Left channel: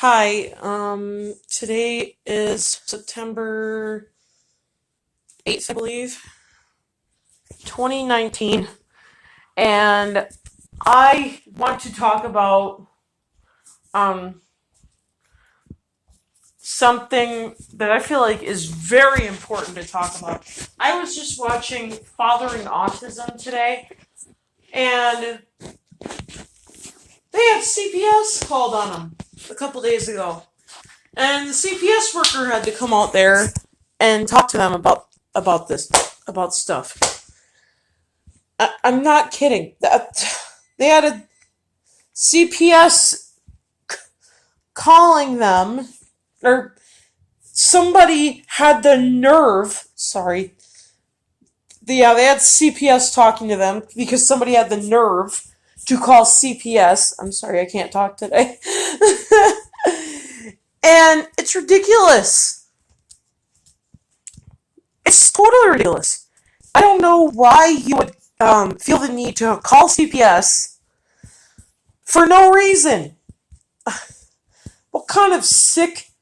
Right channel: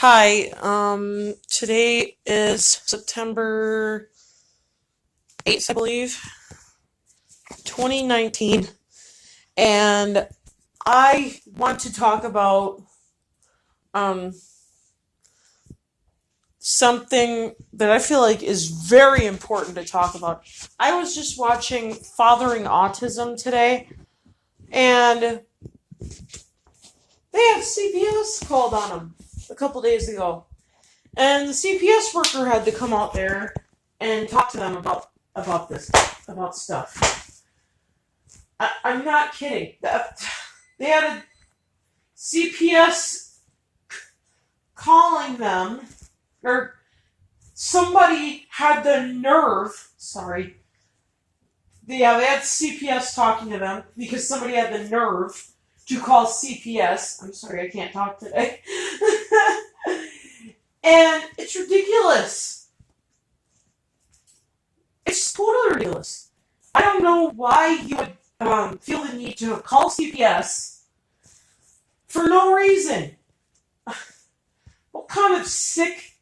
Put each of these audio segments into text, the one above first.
Hi, today is September 8th, I believe, 2019, and I want to talk about um, something that I feel like is very important to talk about. I was just watching Fathering Autism today, and they had CPS called on them a couple days ago. And the CPS worker had to come out there and talk to them about this about stuff. I'm not kidding. They had a CPS calling them, or somebody had the nerve. Sorry, yeah, they had CPS talking to them because somebody had the nerve to call CPS. I'm sorry, I can't talk today. And it's ridiculous. It's totally ridiculous. I don't know why you would feel the need to call CPS for no reason. What kind of sick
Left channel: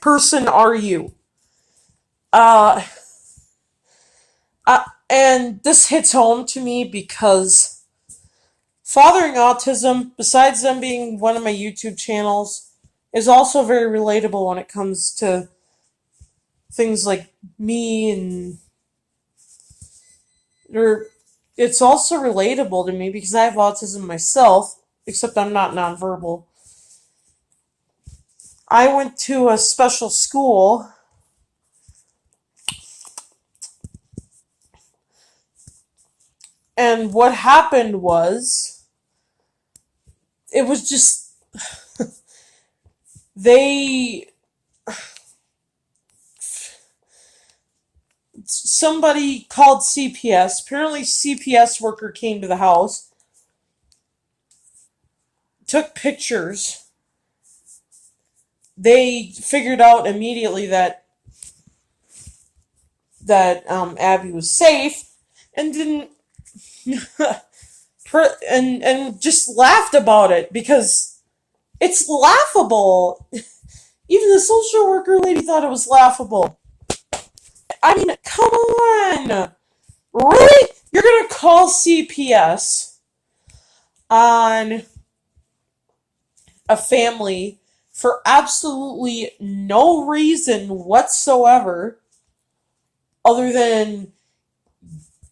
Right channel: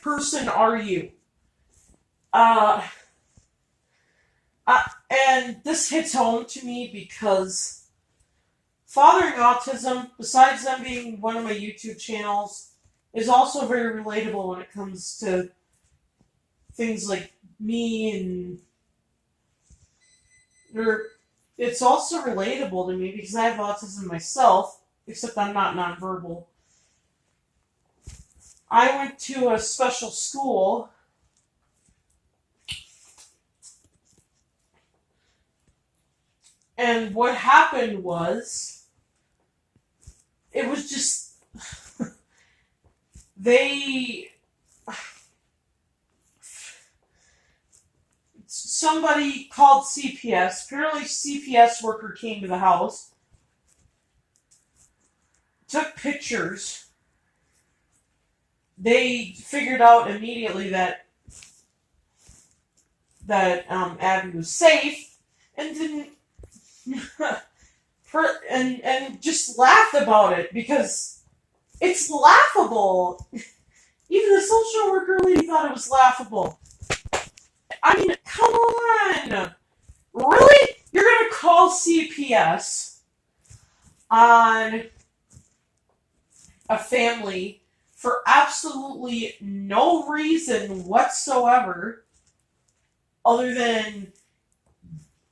person are you? Uh, and this hits home to me because Fathering Autism, besides them being one of my YouTube channels, is also very relatable when it comes to things like me and or it's also relatable to me because I have autism myself, except I'm not nonverbal. I went to a special school, and what happened was it was just they somebody called CPS. Apparently CPS worker came to the house, took pictures. They figured out immediately that Abby was safe and didn't and just laughed about it because it's laughable. Even the social worker lady thought it was laughable. I mean, come on. Really? You're gonna call CPS on a family for absolutely no reason whatsoever other than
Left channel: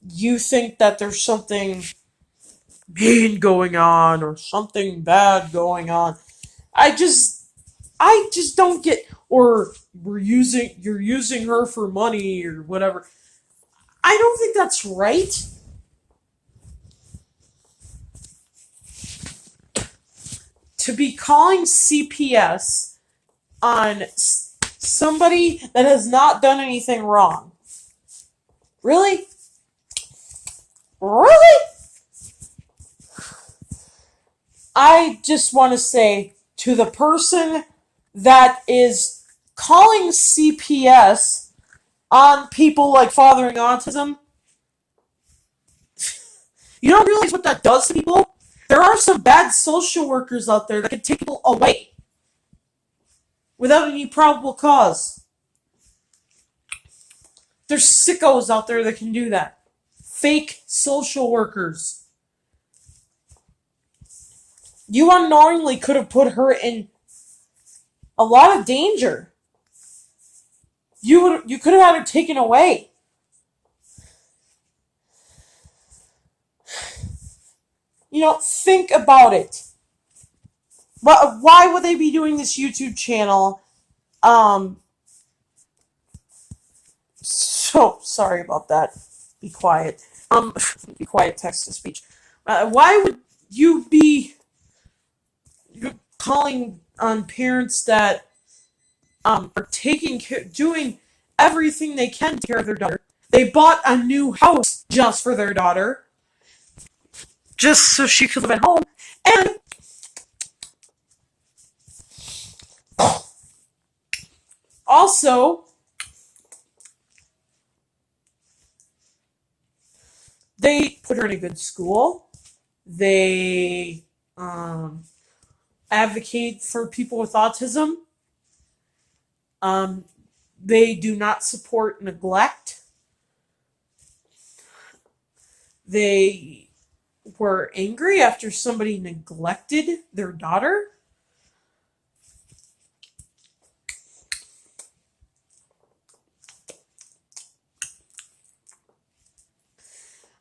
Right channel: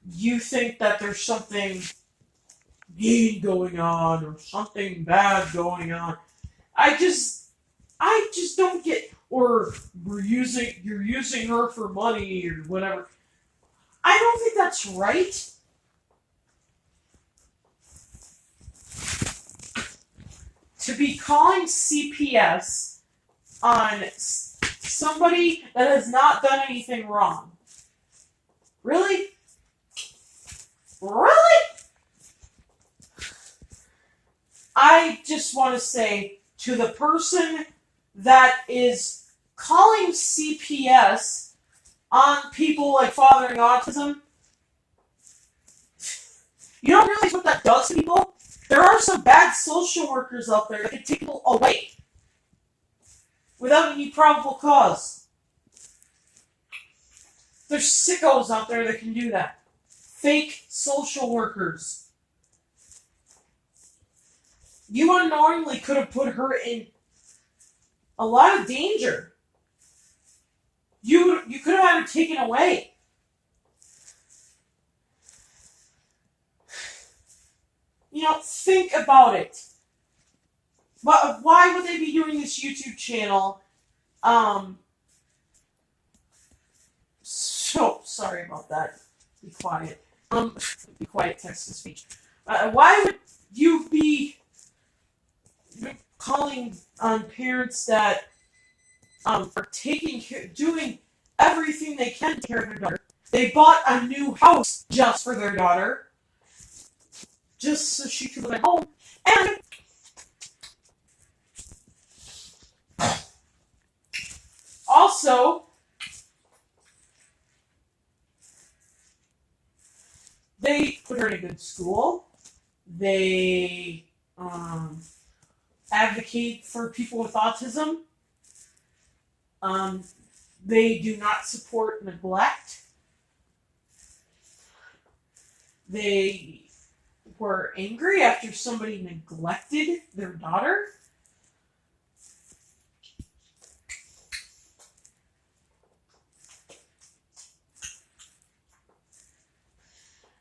you think that there's something mean going on or something bad going on. I just don't get, or you're using her for money or whatever. I don't think that's right. To be calling CPS on somebody that has not done anything wrong. Really? Really? I just want to say to the person that is calling CPS on people like Fathering Autism, you don't realize what that does to people? There are some bad social workers out there that can take people away without any probable cause. There's sickos out there that can do that. Fake social workers. You unknowingly could have put her in a lot of danger. You could have had her taken away. Think about it. Why would they be doing this YouTube channel? So sorry about that. Be quiet. Be quiet. Text to speech. Why would you be calling on parents that are doing everything they can to take care of their daughter? They bought a new house just for their daughter, just so she could live at home, and also they put her in a good school. They advocate for people with autism. Um, they do not support neglect. They were angry after somebody neglected their daughter.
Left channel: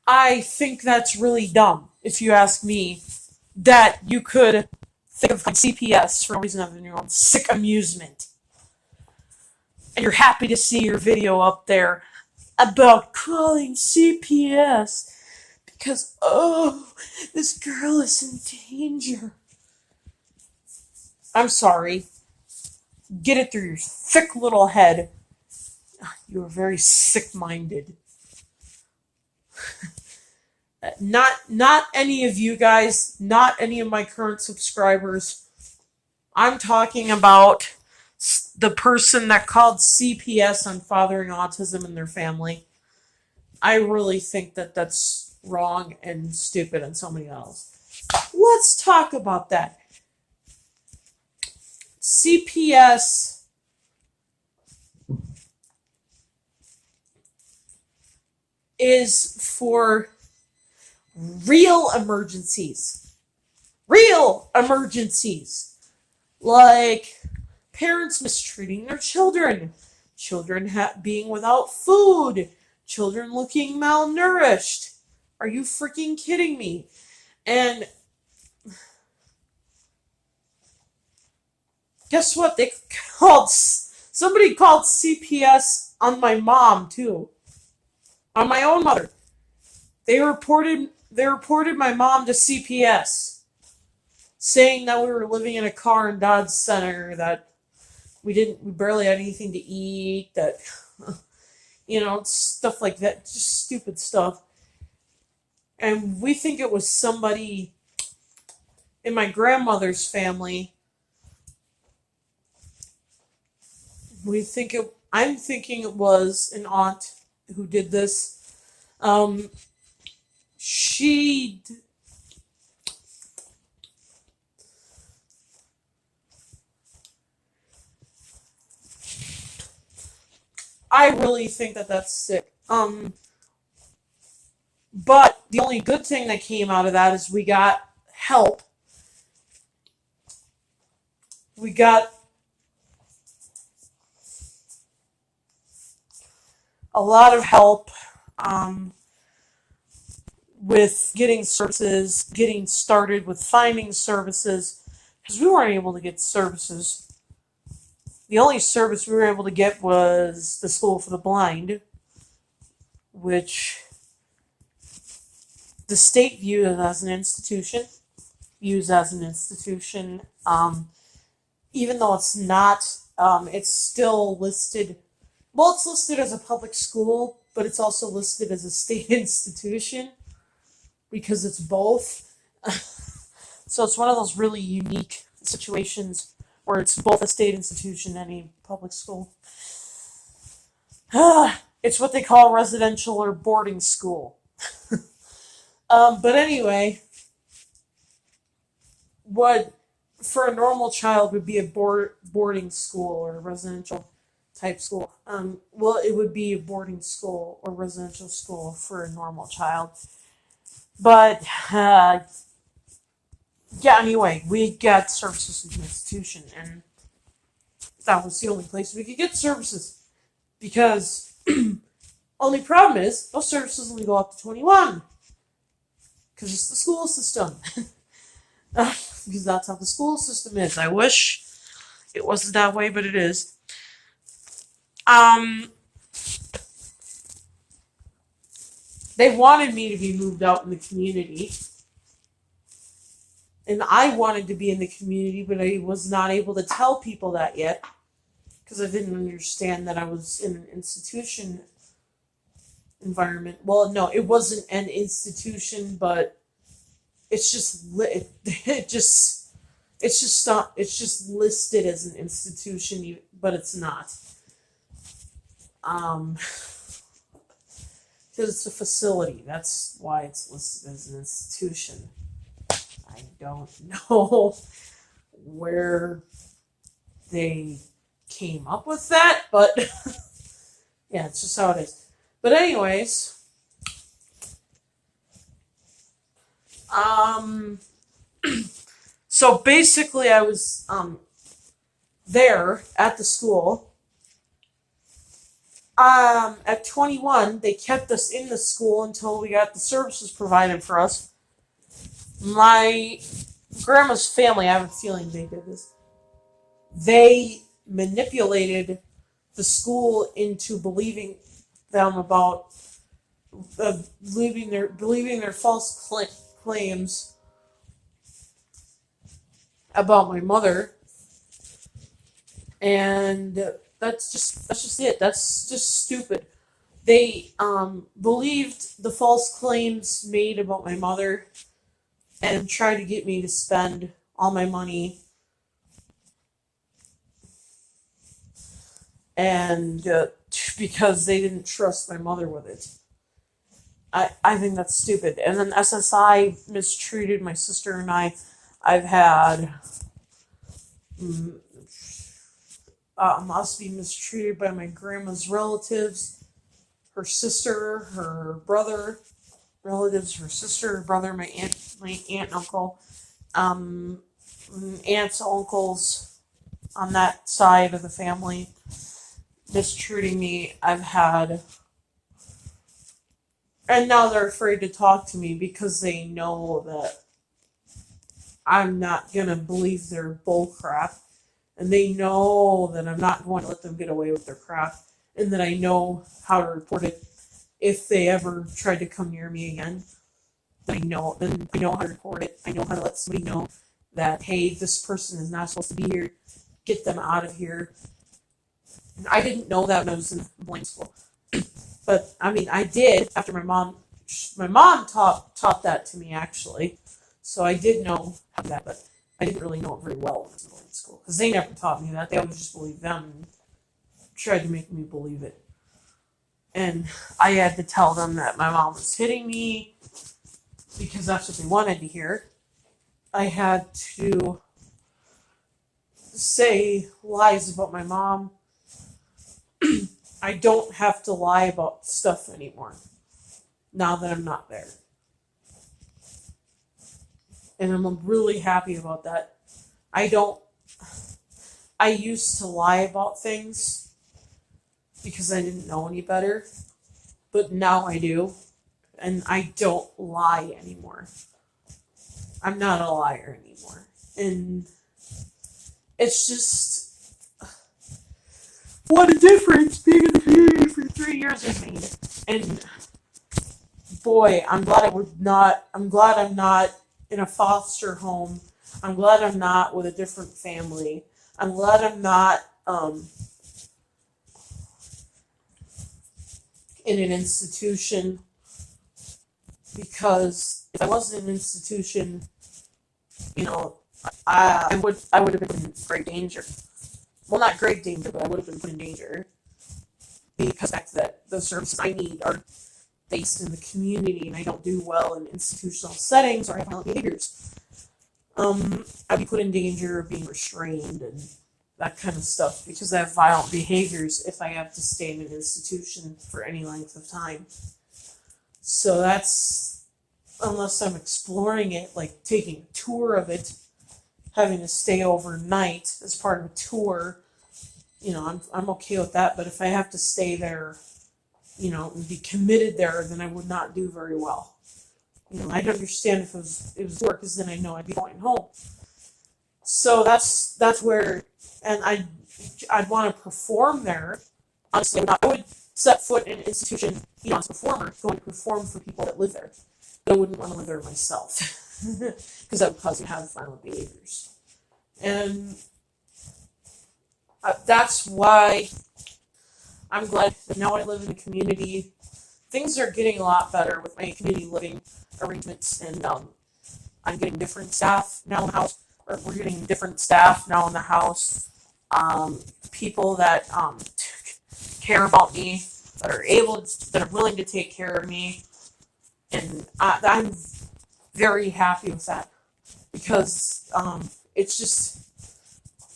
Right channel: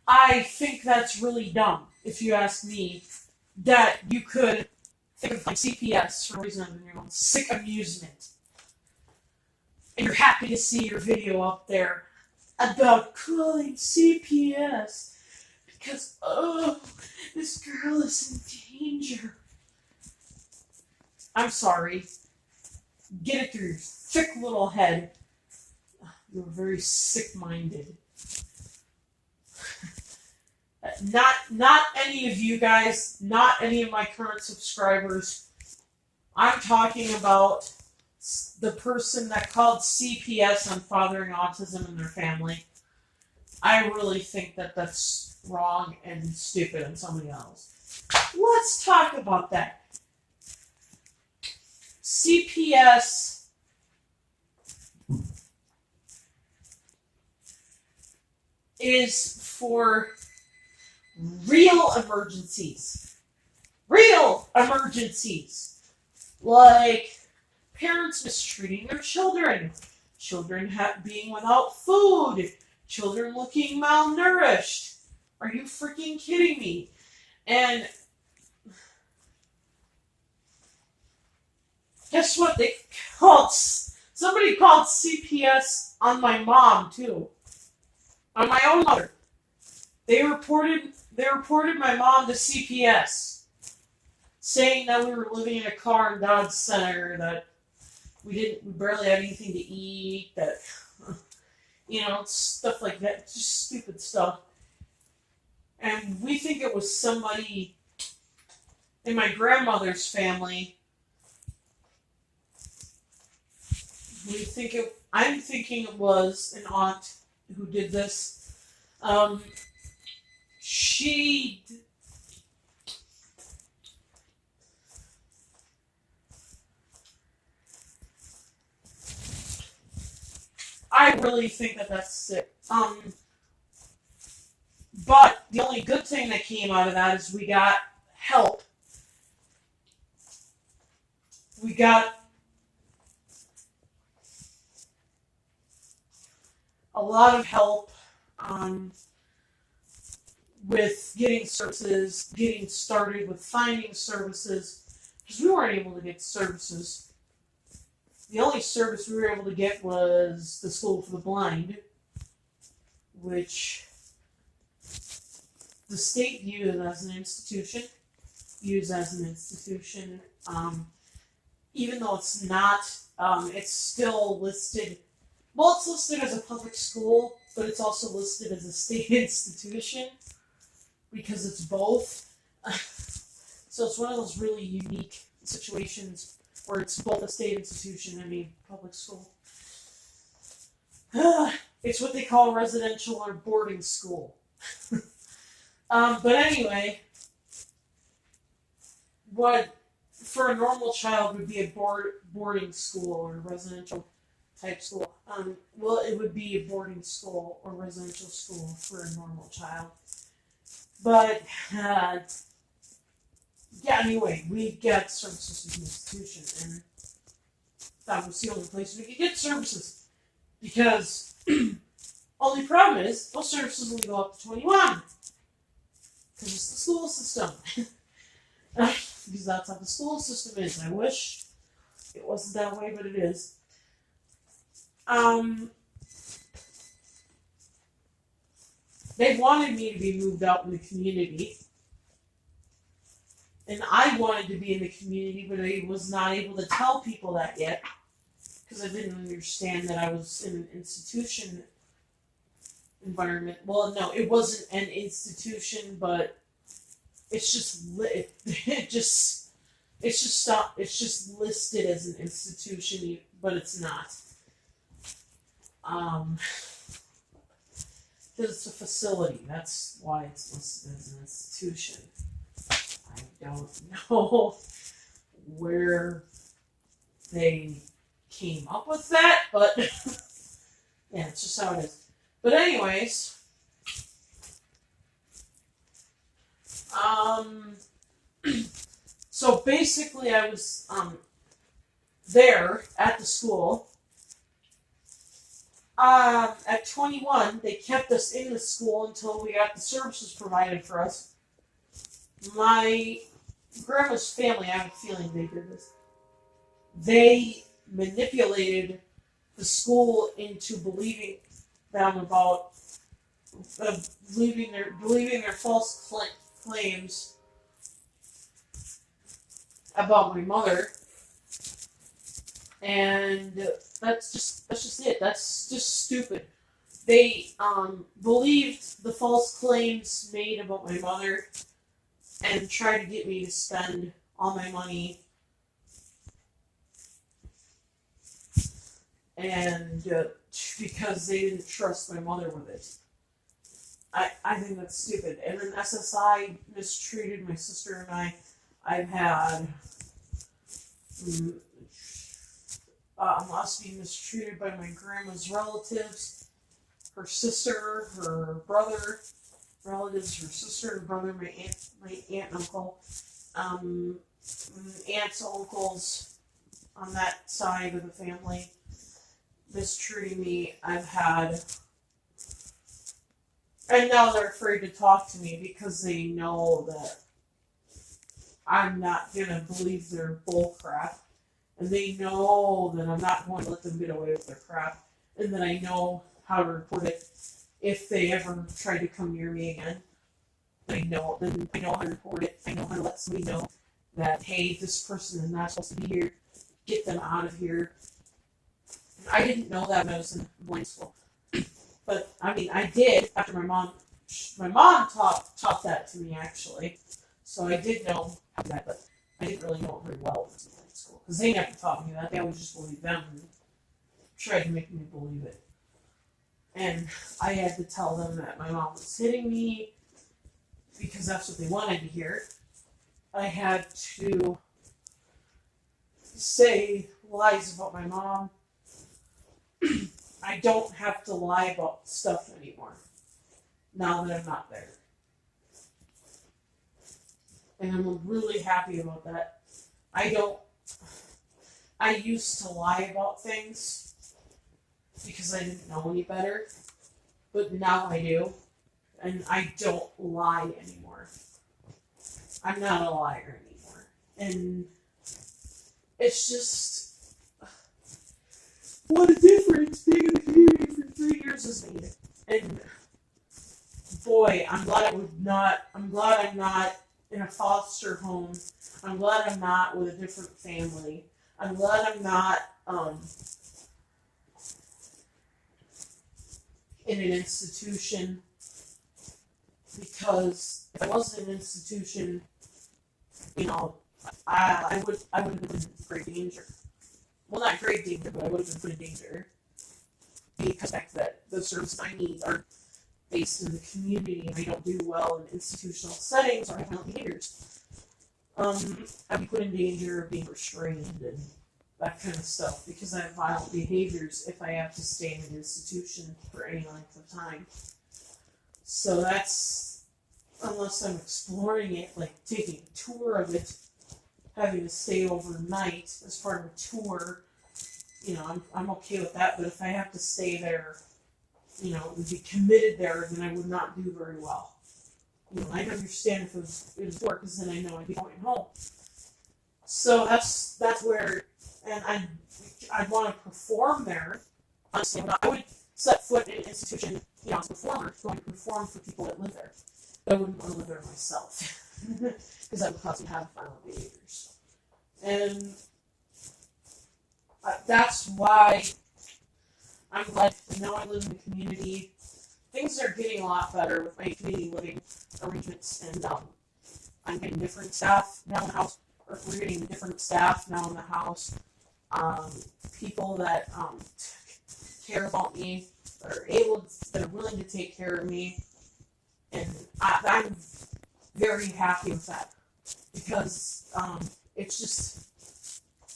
I think that's really dumb, if you ask me, that you could think of CPS for no reason other than your own sick amusement. And you're happy to see your video up there about calling CPS because, oh, this girl is in danger. I'm sorry. Get it through your thick little head. You are very sick-minded. Not any of you guys, not any of my current subscribers. I'm talking about the person that called CPS on fathering autism in their family. I really think that that's wrong and stupid and so many else. Let's talk about that. CPS is for real emergencies. Real emergencies. Like parents mistreating their children, children being without food, children looking malnourished. Are you freaking kidding me? And guess what? Somebody called CPS on my mom too. On my own mother. They reported my mom to CPS, saying that we were living in a car in Dodge Center, that we barely had anything to eat, that stuff like that, just stupid stuff. And we think it was somebody in my grandmother's family. I'm thinking it was an aunt who did this. I really think that that's sick. But the only good thing that came out of that is we got help. We got a lot of help with getting services, getting started with finding services, because we weren't able to get services. The only service we were able to get was the School for the Blind, which the state views as an institution. Even though it's not, it's still listed. Well, it's listed as a public school, but it's also listed as a state institution because it's both. So it's one of those really unique situations where it's both a state institution and a public school. It's what they call residential or boarding school. But anyway, what for a normal child would be a boarding school or a residential type school. Well, it would be a boarding school or residential school for a normal child. But yeah, anyway, we got services with an institution, and that was the only place we could get services. Because only problem is those services only go up to 21. Because it's the school system. Because that's how the school system is. I wish it wasn't that way, but it is. They wanted me to be moved out in the community. And I wanted to be in the community, but I was not able to tell people that yet. Because I didn't understand that I was in an institution environment. Well, no, it wasn't an institution, but it's just it's just listed as an institution, but it's not. Because it's a facility. That's why it's listed as an institution. I don't know where they came up with that, but yeah, it's just how it is. But anyways, so basically I was there at the school. At 21, they kept us in the school until we got the services provided for us. My grandma's family, I have a feeling they did this. They manipulated the school into believing them about believing their false claims about my mother, and that's just it. That's just stupid. They believed the false claims made about my mother and tried to get me to spend all my money, and because they didn't trust my mother with it. I think that's stupid. And then SSI mistreated my sister and I. I've had us being mistreated by my grandma's relatives, her sister, her brother, relatives, her sister, her brother, my aunt and uncle, aunts, uncles on that side of the family mistreating me. I've had, and now they're afraid to talk to me because they know that I'm not gonna believe their bull crap, and they know that I'm not going to let them get away with their crap, and that I know how to report it if they ever try to come near me again. I know how to report it. I know how to let somebody know that, hey, this person is not supposed to be here. Get them out of here. And I didn't know that when I was in boarding school, but I mean, I did after my mom taught that to me actually, so I did know how to do that, but I didn't really know it very well when I was in boarding school because they never taught me that. They always just believed them and tried to make me believe it. And I had to tell them that my mom was hitting me because that's what they wanted to hear. I had to say lies about my mom. I don't have to lie about stuff anymore now that I'm not there. And I'm really happy about that. I used to lie about things because I didn't know any better, but now I do, and I don't lie anymore. I'm not a liar anymore, and it's just what a difference being in the community for 3 years has made. And boy, I'm glad I'm not in a foster home. I'm glad I'm not with a different family. I'm glad I'm not in an institution, because if I was in an institution, I would have been in great danger. Well, not great danger, but I would have been put in danger because the fact that the services I need are based in the community and I don't do well in institutional settings or have violent behaviors. I'd be put in danger of being restrained and that kind of stuff because I have violent behaviors if I have to stay in an institution for any length of time. So that's, unless I'm exploring it, like taking a tour of it, having to stay overnight as part of a tour, I'm okay with that. But if I have to stay there, and be committed there, then I would not do very well. I'd understand if it was work, because then I know I'd be going home. So that's where, and I'd want to perform there. Honestly, I would set foot in an institution, as a performer, going to perform for people that live there. But I wouldn't want to live there myself, because that would cause me to have violent behaviors. And that's why I'm glad that now I live in the community. Things are getting a lot better with my community living arrangements, and I'm getting different staff now in the house. Or we're getting different staff now in the house. People that care about me, that are willing to take care of me, and I'm very happy with that because it's just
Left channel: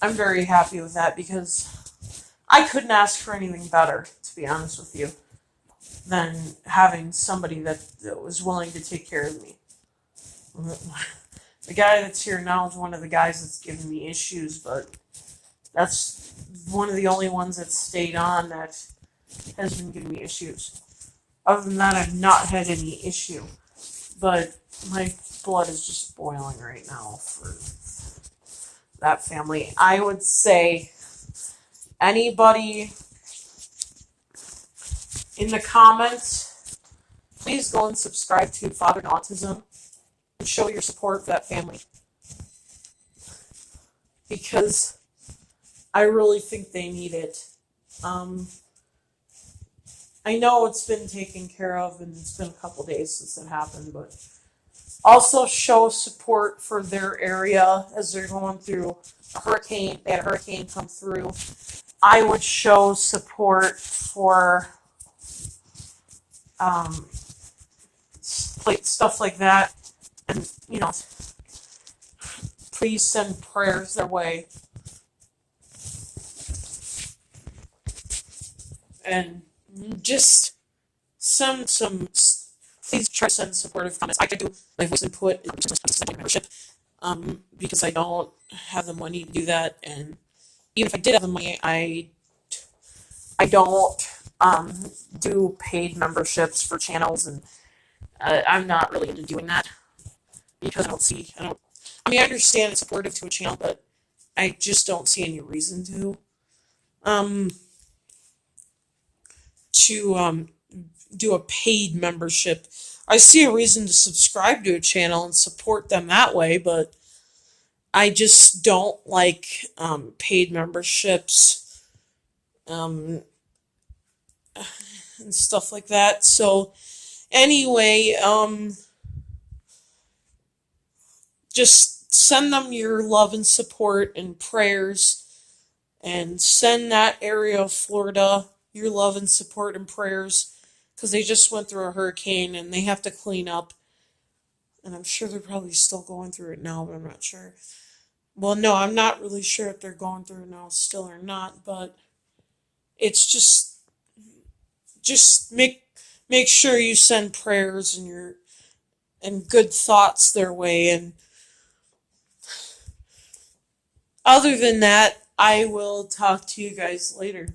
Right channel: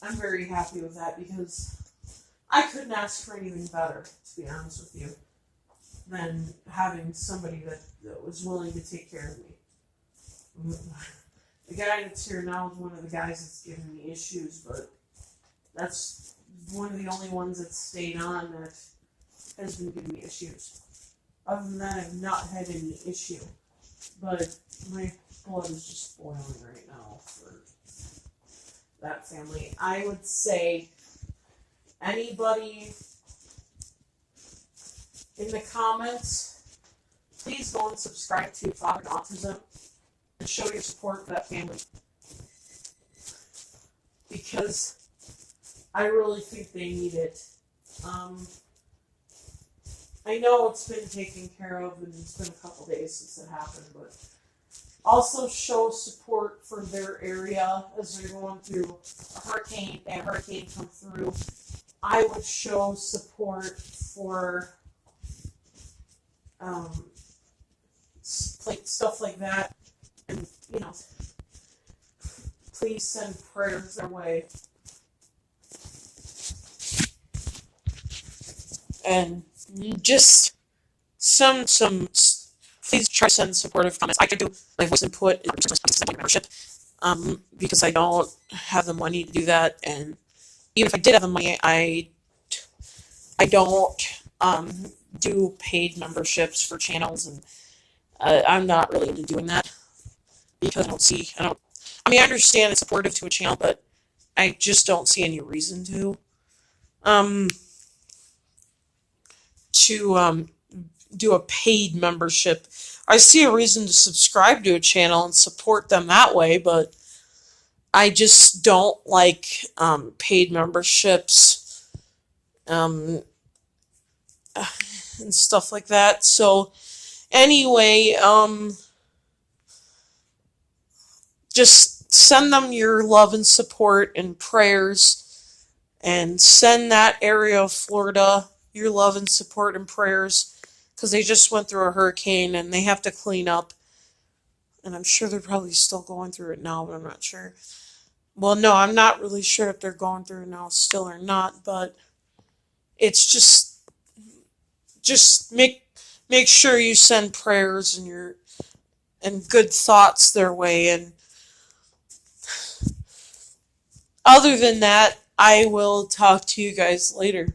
I'm very happy with that because I couldn't ask for anything better, to be honest with you, than having somebody that was willing to take care of me. The guy that's here now is one of the guys that's giving me issues, but that's one of the only ones that stayed on that has been giving me issues. Other than that, I've not had any issue. But my blood is just boiling right now for that family. I would say anybody in the comments, please go and subscribe to Fathering Autism and show your support for that family. Because I really think they need it. I know it's been taken care of and it's been a couple days since it happened, but also show support for their area as they're going through a hurricane. They had a hurricane come through. I would show support for stuff like that, and please send prayers their way. And just some please try to send supportive comments. I could do my voice input in membership, because I don't have the money to do that, and even if I did have the money, I don't do paid memberships for channels, and I'm not really into doing that because I mean, I understand it's supportive to a channel, but I just don't see any reason to do a paid membership. I see a reason to subscribe to a channel and support them that way, but I just don't like paid memberships and stuff like that. So anyway, just send them your love and support and prayers, and send that area of Florida your love and support and prayers, because they just went through a hurricane and they have to clean up. And I'm sure they're probably still going through it now, but I'm not sure. Well, no, I'm not really sure if they're going through it now still or not, but it's just make sure you send prayers and good thoughts their way. And other than that, I will talk to you guys later.